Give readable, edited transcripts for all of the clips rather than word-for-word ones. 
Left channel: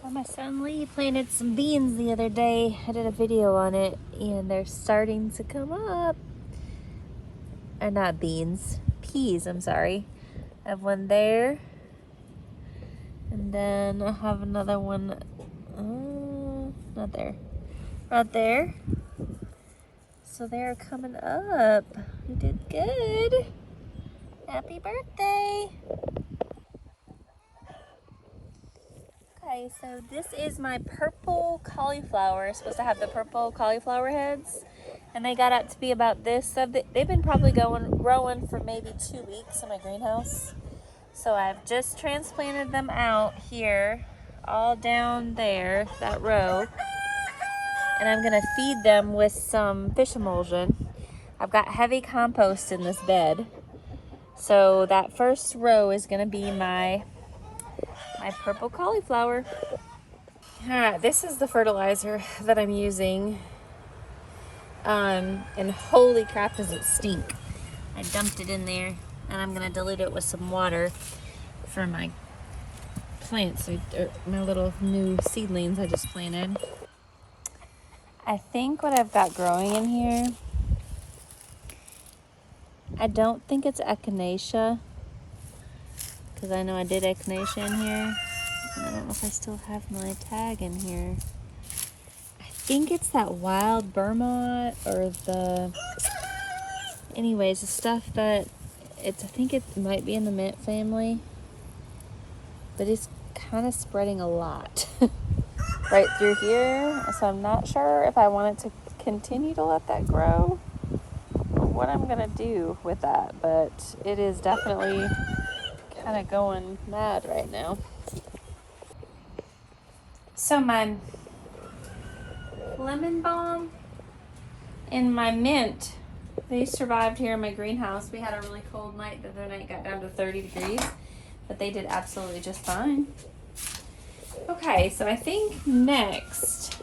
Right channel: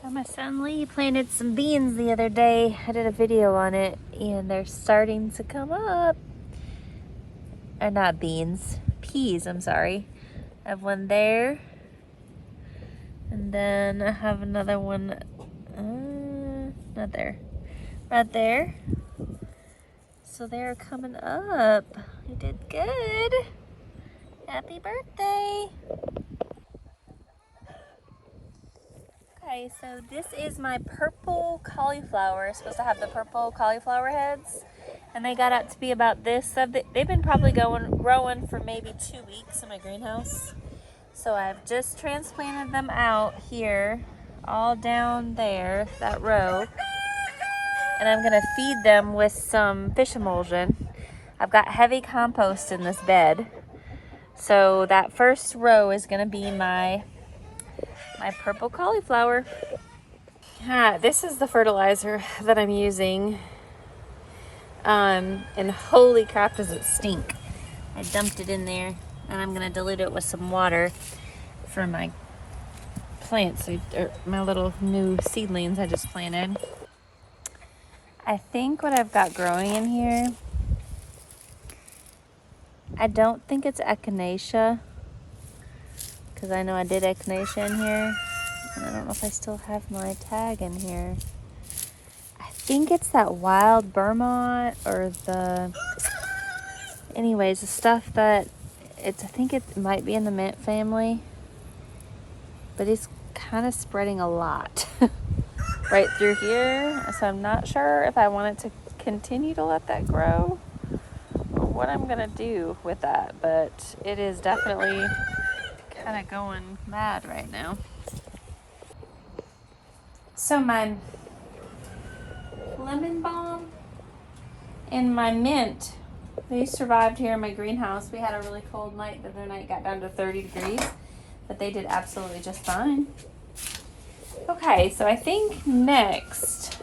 So my son Lee planted some beans the other day. I did a video on it and they're starting to come up. Or not beans, peas, I'm sorry. I have one there. And then I have another one, not there, not there. So they're coming up. You did good. Happy birthday. Okay, so this is my purple cauliflower. It's supposed to have the purple cauliflower heads. And they got up to be about this. So they've been probably growing for maybe 2 weeks in my greenhouse. So I've just transplanted them out here, all down there, that row. And I'm gonna feed them with some fish emulsion. I've got heavy compost in this bed. So that first row is gonna be my purple cauliflower. This is the fertilizer that I'm using. And holy crap, does it stink. I dumped it in there and I'm gonna dilute it with some water for my plants, or my little new seedlings I just planted. I think what I've got growing in here, I don't think it's echinacea, because I know I did echinacea in here, and I don't know if I still have my tag in here. I think it's that wild Vermont, or anyways, the stuff that I think it might be in the mint family, but it's kind of spreading a lot right through here. So I'm not sure if I wanted to continue to let that grow, what I'm gonna do with that, but it is definitely kind of going mad right now. So my lemon balm and my mint, they survived here in my greenhouse. We had a really cold night. The other night got down to 30 degrees, but they did absolutely just fine. Okay, so I think next,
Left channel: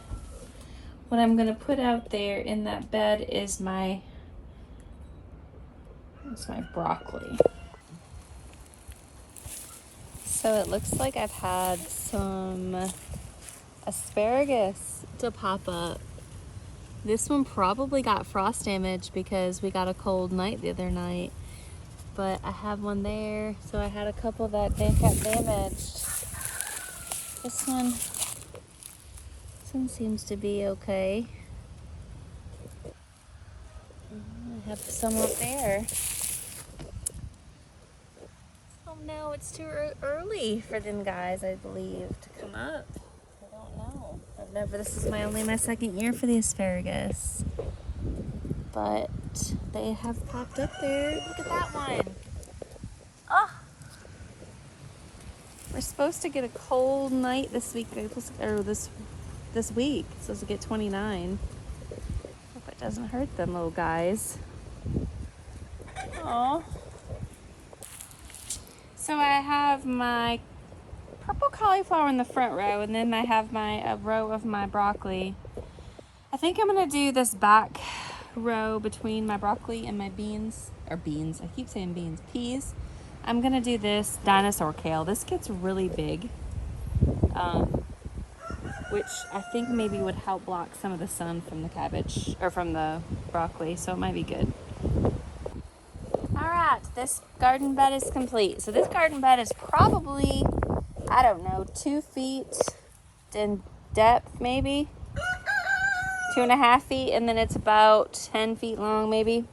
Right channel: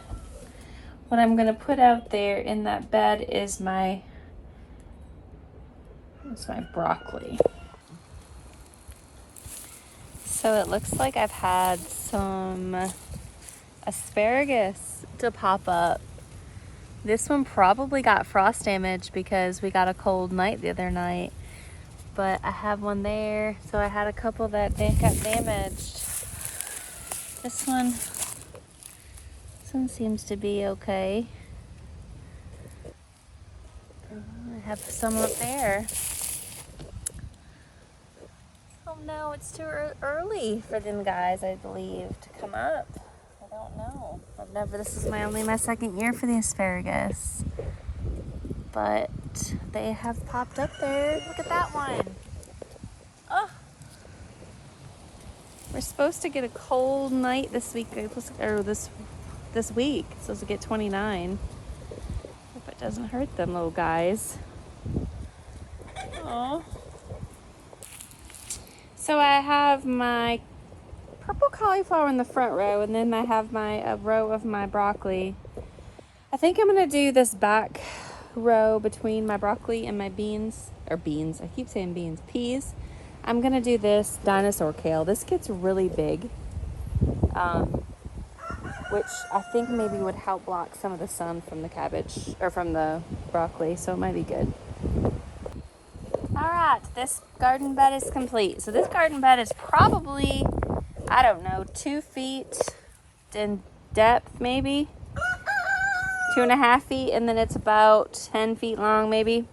what I'm gonna put out there in that bed is my broccoli. So it looks like I've had some asparagus to pop up. This one probably got frost damage because we got a cold night the other night, but I have one there. So I had a couple that got damaged. This one seems to be okay. I have some up there. Oh no, it's too early for them guys, I believe, to come up. I don't know. This is only my second year for the asparagus, but they have popped up there. Look at that one. Oh, we're supposed to get a cold night this week, or this week. It's supposed to get 29. Hope it doesn't hurt them little guys. Oh. So I have my purple cauliflower in the front row, and then I have a row of my broccoli. I think I'm gonna do this back row between my broccoli and my peas. I keep saying beans, peas. I'm gonna do this dinosaur kale. This gets really big, which I think maybe would help block some of the sun from the cabbage, or from the broccoli, so it might be good. All right, this garden bed is complete. So this garden bed is probably, I don't know, 2 feet in depth, maybe 2.5 feet, and then it's about 10 feet long, maybe.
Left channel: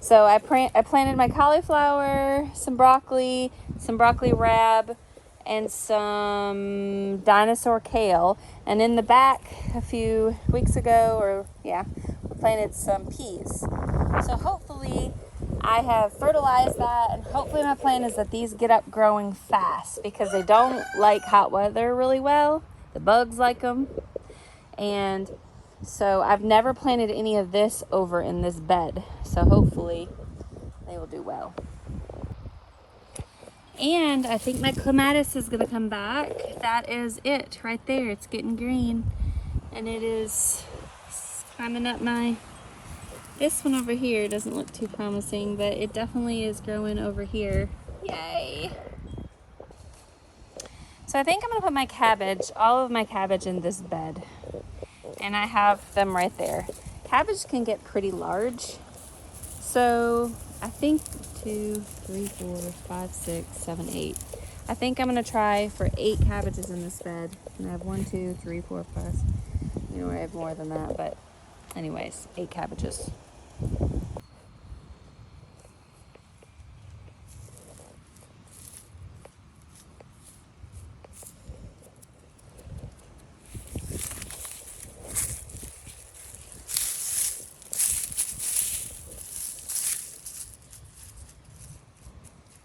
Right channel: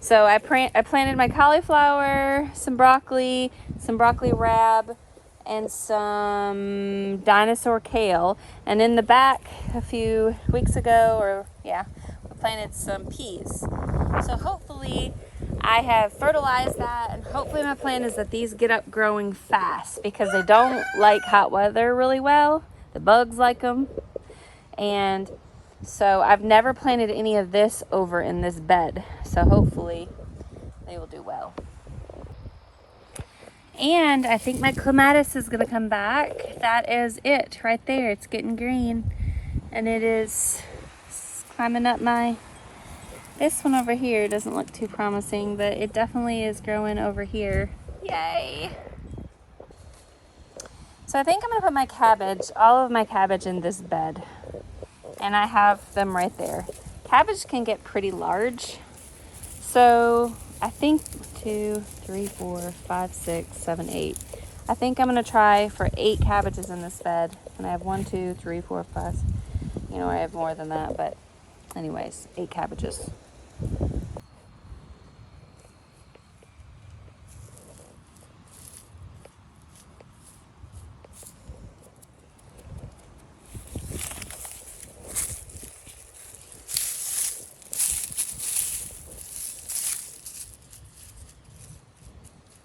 So I planted my cauliflower, some broccoli rab, and some dinosaur kale. And in the back a few weeks ago, we planted some peas. So hopefully I have fertilized that, and hopefully my plan is that these get up growing fast, because they don't like hot weather really well. The bugs like them. And so I've never planted any of this over in this bed. So hopefully they will do well. And I think my clematis is gonna come back. That is it right there. It's getting green, and it's climbing up this one over here doesn't look too promising, but it definitely is growing over here. Yay. So I think I'm gonna put my cabbage, all of my cabbage in this bed. And I have them right there. Cabbage can get pretty large. So I think 2, 3, 4, 5, 6, 7, 8. I think I'm gonna try for 8 cabbages in this bed. And I have 1, 2, 3, 4, 5. You know, I have more than that, but anyways, 8 cabbages.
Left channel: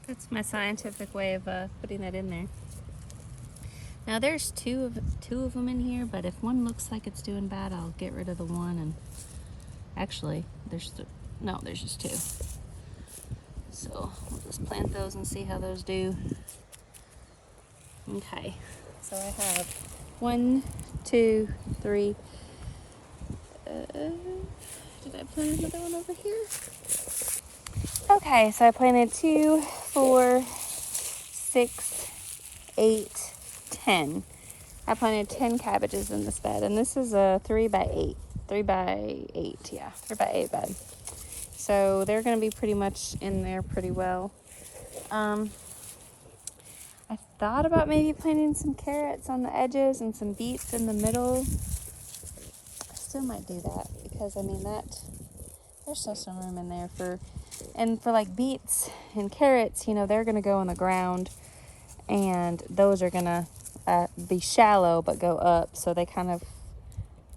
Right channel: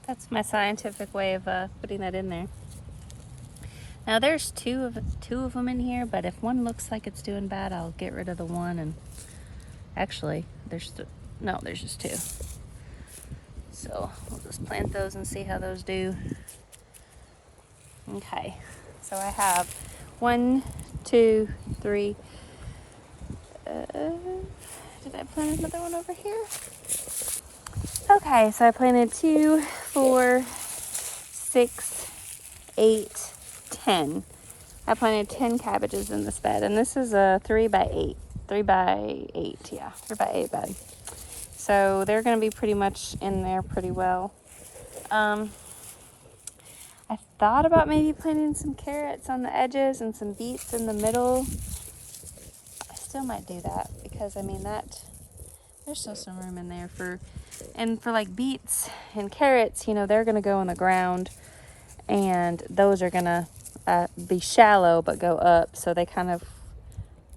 That's my scientific way of putting that in there. Now there's two of them in here, but if one looks like it's doing bad, I'll get rid of the one. And actually, there's just 2. So we'll just plant those and see how those do. Okay, so I have 1, 2, 3. Did I plant another one over here? Okay, so I planted 2, 4, 6, 8, 10. I planted 10 cabbages in this bed, and this is a 3 by 8. 3 by 8, yeah, 3 by 8 bed. So they're gonna be pretty much in there pretty well. I thought about maybe planting some carrots on the edges and some beets in the middle. I still might do that because I mean there's still some room in there for like beets and carrots, you know, they're gonna go in the ground, and those are gonna be shallow but go up, so they kind of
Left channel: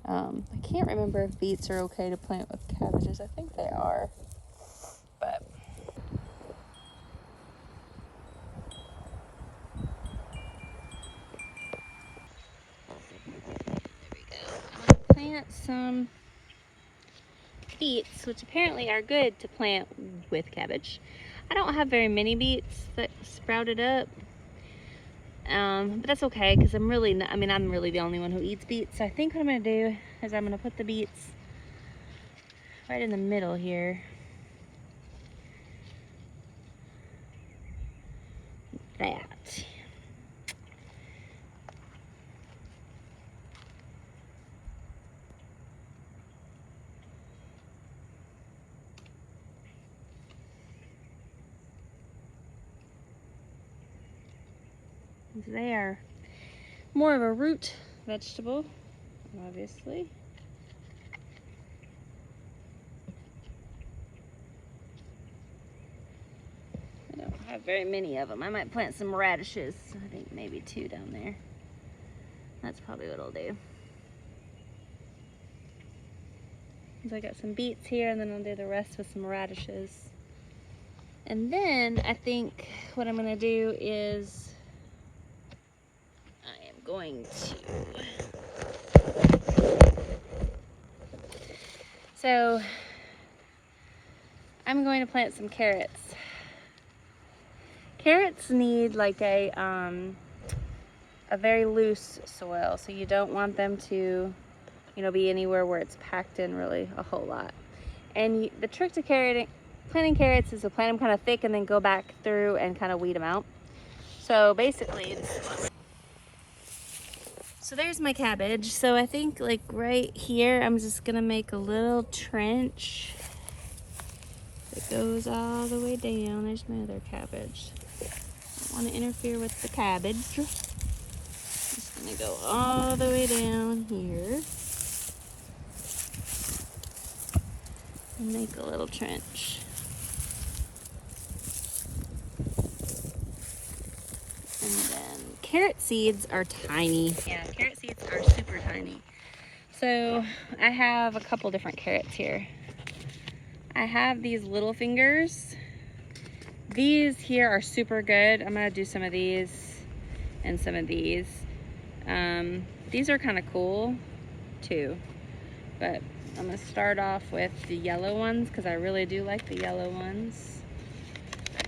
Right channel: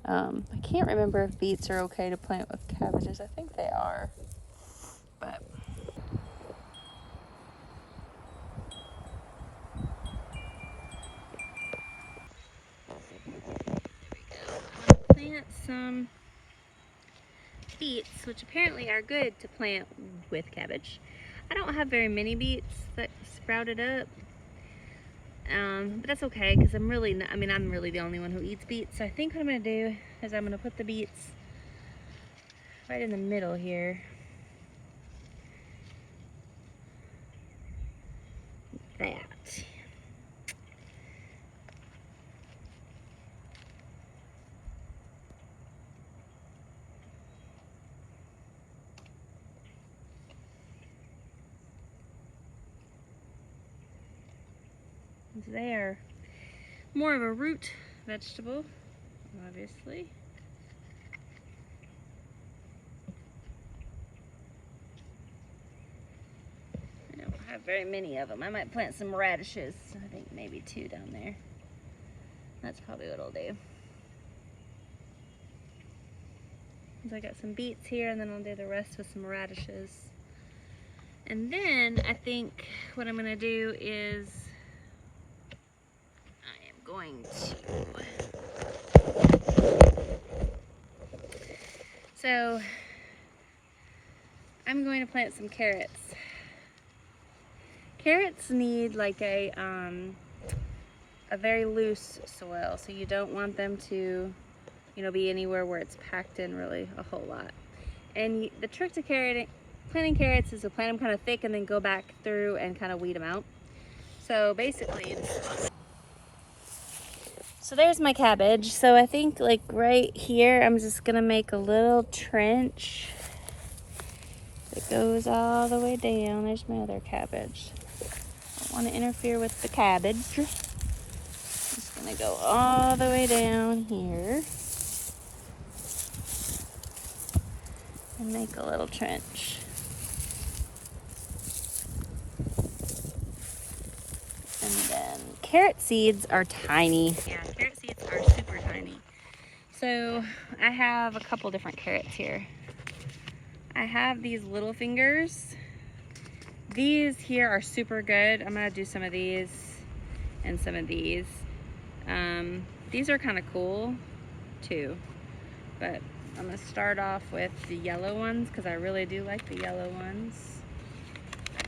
I can't remember if beets are okay to plant with cabbages. I think they are, but I'm gonna plant some beets, which apparently are good to plant with cabbage. I don't have very many beets that sprouted up, but that's okay because I'm really the only one who eats beets. So I think what I'm gonna do is I'm gonna put the beets right in the middle here. That. They are more of a root vegetable, obviously. I don't have very many of them. I might plant some radishes. I think maybe 2 down there. That's probably what I'll do. So I got some beets here, and then I'll do the rest with some radishes. And then I think what I'm gonna do is I am going to plant some carrots. Carrots need like a very loose soil, so you don't want them to, you know, be anywhere where it's packed in really a whole lot. And the trick to planting carrots is to plant them kind of thick and then go back through and kind of weed them out. So basically, so there's my cabbage. So I think like right here, I'm just gonna make a little trench that goes all the way down. There's my other cabbage. Don't want to interfere with the cabbage. Just gonna go all the way down here and make a little trench. And then carrot seeds are tiny. Yeah, carrot seeds are super tiny. So I have a couple different carrots here. I have these little fingers. These here are super good. I'm gonna do some of these and some of these. These are kind of cool too, but I'm gonna start off with the yellow ones because I really do like the yellow ones.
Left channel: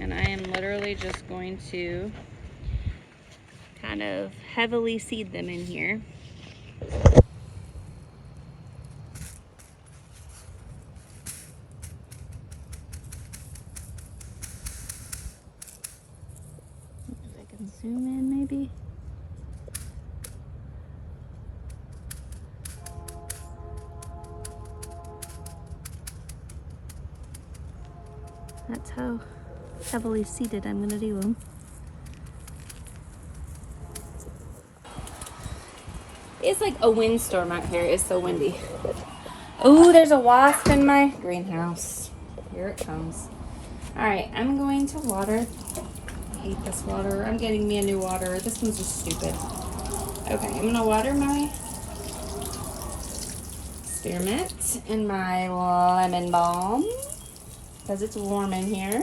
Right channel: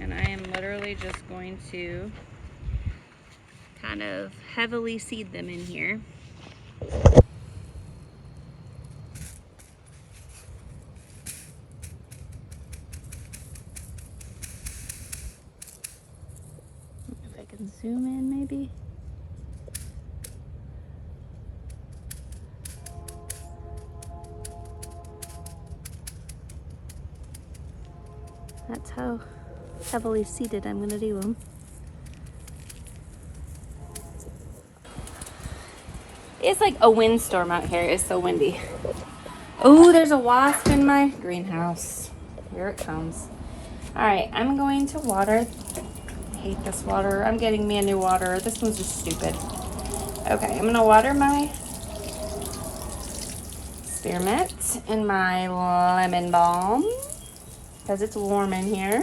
And I am literally just going to kind of heavily seed them in here. If I can zoom in maybe. That's how heavily seated I'm gonna do them. It's like a windstorm out here. It's so windy. Oh, there's a wasp in my greenhouse. Here it comes. All right, I'm going to water. I hate this water. I'm getting me a new water. This one's just stupid. Okay, I'm gonna water my spearmint and my lemon balm because it's warm in here.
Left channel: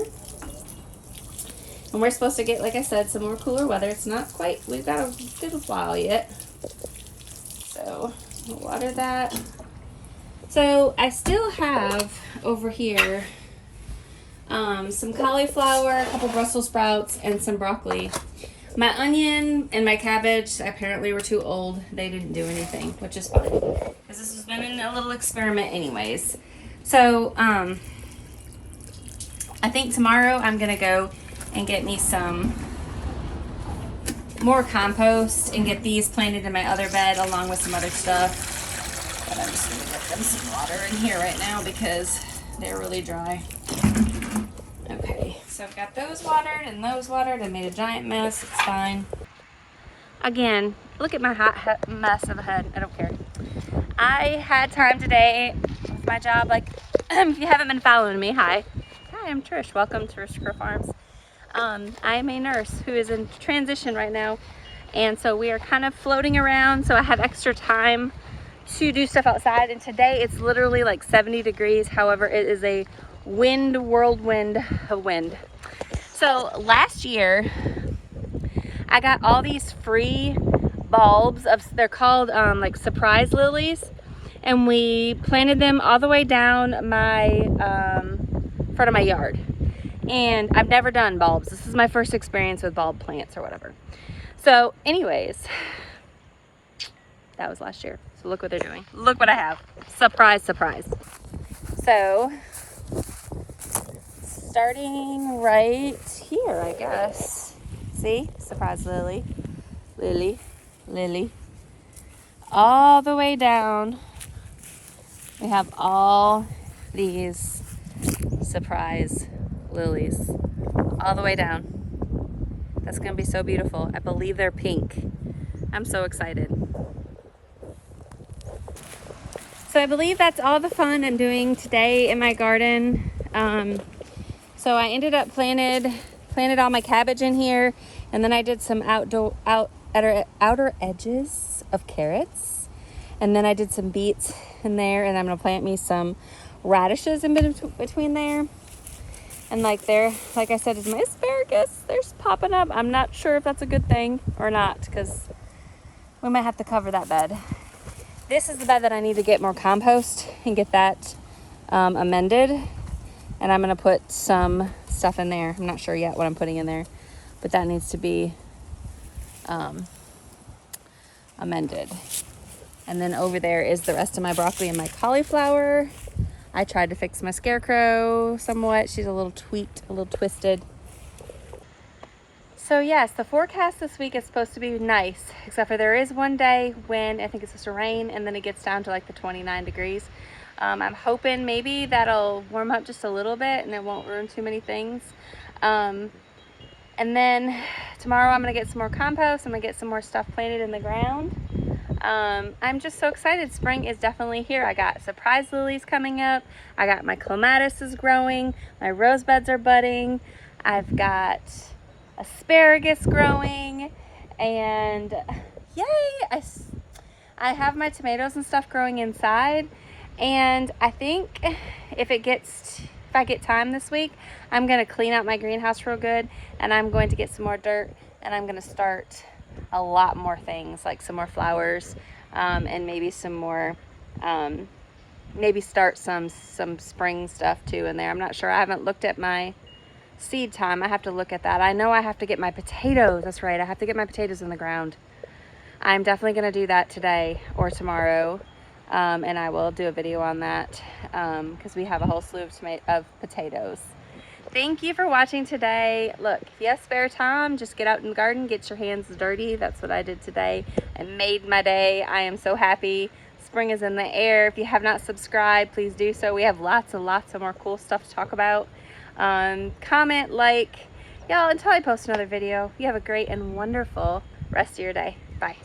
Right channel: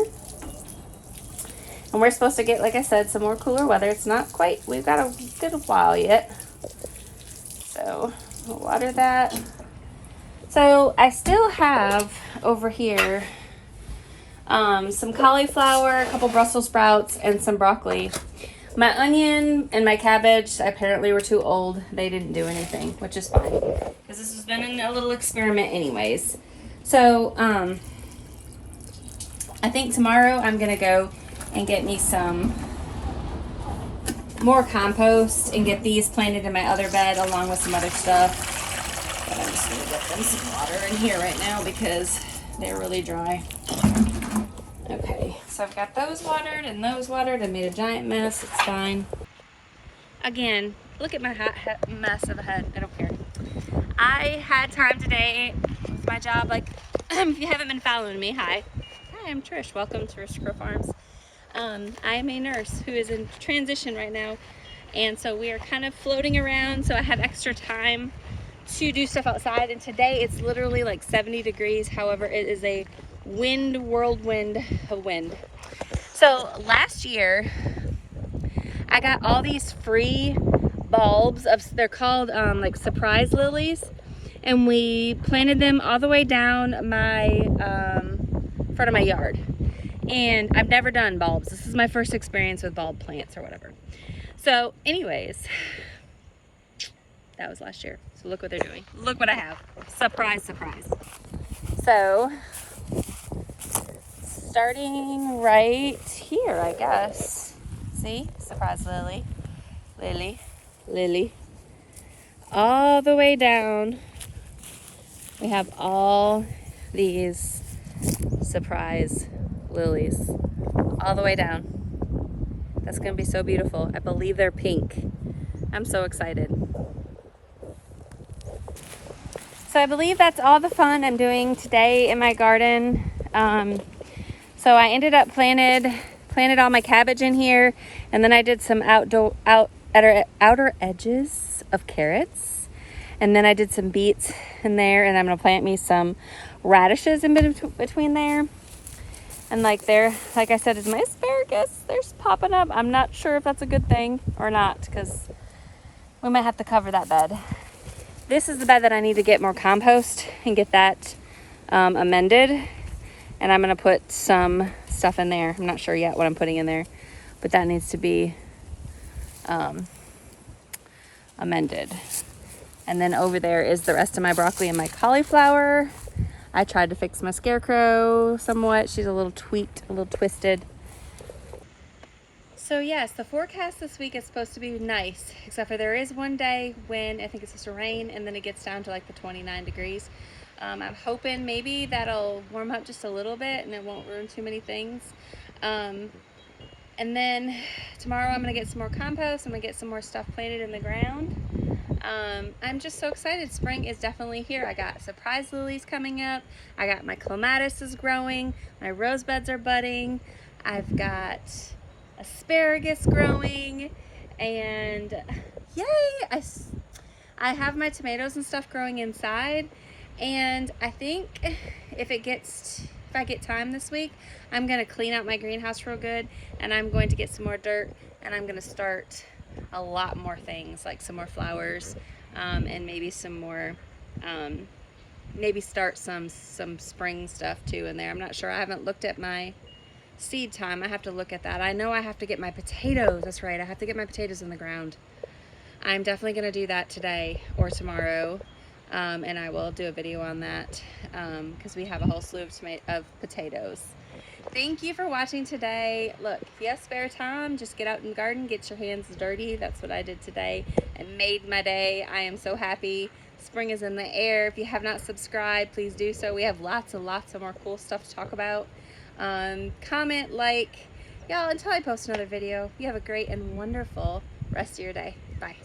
And we're supposed to get, like I said, some more cooler weather. It's not quite, we've got a good while yet. So we'll water that. So I still have over here some cauliflower, a couple Brussels sprouts, and some broccoli. My onion and my cabbage apparently were too old. They didn't do anything, which is fine, because this has been a little experiment anyways. So I think tomorrow I'm gonna go and get me some more compost and get these planted in my other bed along with some other stuff. But I'm just gonna get them some water in here right now because they're really dry. Okay, so I've got those watered and those watered. I made a giant mess. It's fine. Again, look at my hot mess of a head. I don't care. I had time today. It's my job. Like, if you haven't been following me, hi. Hi, I'm Trish. Welcome to Trish Farms. I'm a nurse who is in transition right now, and so we are kind of floating around, so I have extra time to do stuff outside. And today it's literally like 70 degrees. However, it is a whirlwind of wind. So last year I got all these free bulbs they're called like surprise lilies, and we planted them all the way down my front of my yard. And I've never done bulbs. This is my first experience with bulb plants or whatever. So anyways, that was last year. So look what they're doing. Look what I have. Surprise, surprise. So starting right here, I guess. See? Surprise lily. Lily. Lily. All the way down, we have all these surprise lilies all the way down. That's gonna be so beautiful. I believe they're pink. I'm so excited. So I believe that's all the fun I'm doing today in my garden. So I ended up planted all my cabbage in here, and then I did some outer edges of carrots, and then I did some beets in there, and I'm gonna plant me some radishes in between there. And like I said, is my asparagus. They're popping up. I'm not sure if that's a good thing or not, because we might have to cover that bed. This is the bed that I need to get more compost and get that amended. And I'm gonna put some stuff in there. I'm not sure yet what I'm putting in there, but that needs to be amended. And then over there is the rest of my broccoli and my cauliflower. I tried to fix my scarecrow somewhat. She's a little tweaked, a little twisted. So yes, the forecast this week is supposed to be nice, except for there is one day when I think it's supposed to rain, and then it gets down to like the 29 degrees. I'm hoping maybe that'll warm up just a little bit and it won't ruin too many things. And then tomorrow I'm gonna get some more compost. I'm gonna get some more stuff planted in the ground. I'm just so excited. Spring is definitely here. I got surprise lilies coming up. I got my clematis is growing. My rose beds are budding. I've got asparagus growing, and yay! I have my tomatoes and stuff growing inside. And I think if I get time this week, I'm gonna clean out my greenhouse real good, and I'm going to get some more dirt, and I'm gonna start a lot more things, like some more flowers, and maybe some more, maybe start some spring stuff too in there. I'm not sure. I haven't looked at my seed time. I have to look at that. I know I have to get my potatoes. That's right. I have to get my potatoes in the ground. I'm definitely going to do that today or tomorrow. And I will do a video on that, because we have a whole slew of potatoes. Thank you for watching today. Look, if you have spare time, just get out in the garden, get your hands dirty. That's what I did today. I made my day. I am so happy, Spring is in the air. If you have not subscribed, please do so. We have lots and lots of more cool stuff to talk about. Comment, like, y'all, until I post another video. You have a great and wonderful rest of your day. Bye.